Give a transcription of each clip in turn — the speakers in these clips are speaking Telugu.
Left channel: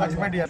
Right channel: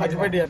అచ్చిపెట్టి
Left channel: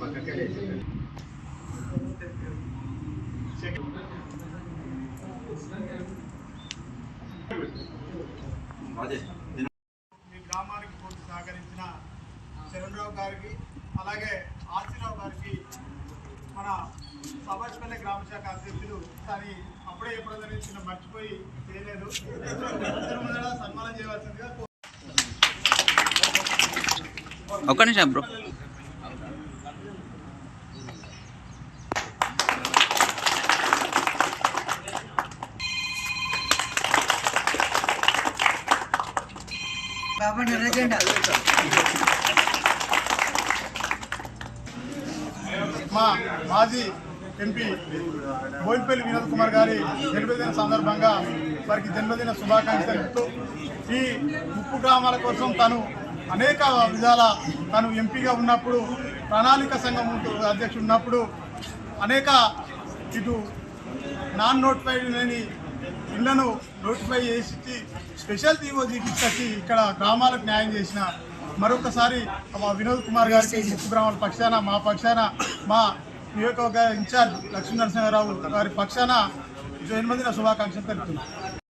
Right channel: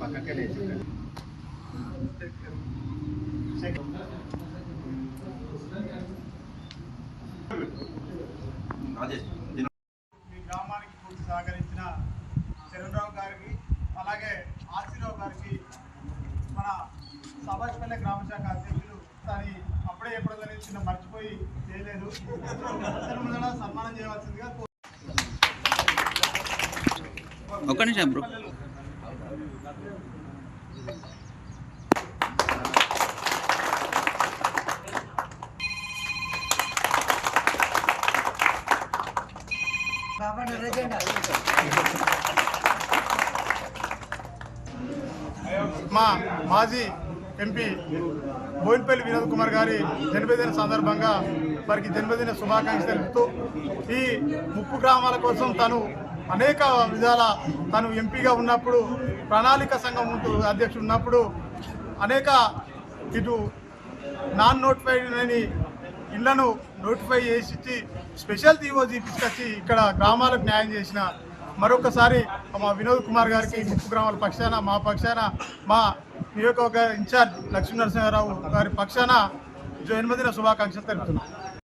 పక్కకే లేదు మీ గ్రామానికి పూర్తి సహకరించిన చరణరావు గారికి అలాగే ఆర్సీరావు గారికి మన సభాష్పల్లె గ్రామ శాఖ అధ్యక్షులు కానీ అప్పుడే ఎప్పుడైనా చిన్న మర్చిపోయి చేయలేదు సన్మానం చేయవలసిందిగా ఒక్క నిమిషం బ్రో. మా మాజీ ఎంపీ బోయినపల్లి వినోద్ కుమార్ గారి జన్మదిన సందర్భంగా వారికి జన్మదిన శుభాకాంక్షలు తెలుపుతూ ఈ ముప్పు గ్రామాల కోసం తను అనేక విధాల తను ఎంపీగా ఉన్నప్పుడు ప్రణాళిక సంఘం అధ్యక్షుడు ఉన్నప్పుడు అనేక ఇటు నాన్ నోటిఫైడ్ లేని ఇళ్లను నోటిఫై చేసి స్పెషల్ తీవో తీసుకొచ్చి ఇక్కడ గ్రామాలకు న్యాయం చేసిన మరొకసారి మా వినోద్ కుమార్ గారికి ముప్పు గ్రామాల పక్షాన మా పక్షాన మా నియోజకవర్గ ఇన్ఛార్జ్ లక్ష్మీ నరసింహారావు గారి పక్షాన జన్మదిన శుభాకాంక్షలు తెలుపుతున్నాం.